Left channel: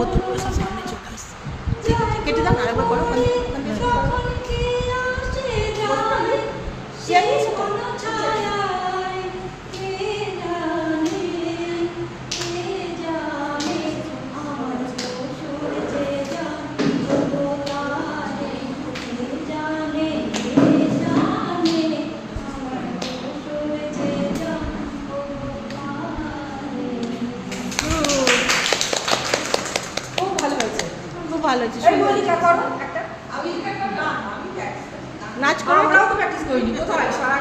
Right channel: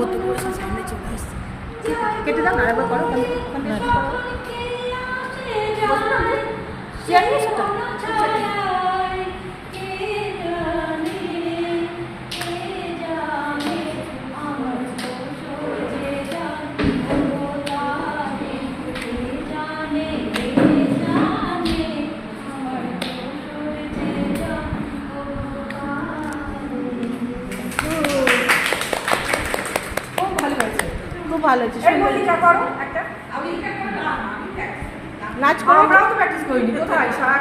ভর্তি করে সব সামনে চলে আসছে। ঠিক আছে, কেটে দাও না, আরেকবার করো। চেয়ার নিয়ে এসো তো। খুব ভালো হয়েছে, সুন্দর করো একটা নাচ করো। আমরাও তো প্র্যাকটিস করিনি কোথায়, সারা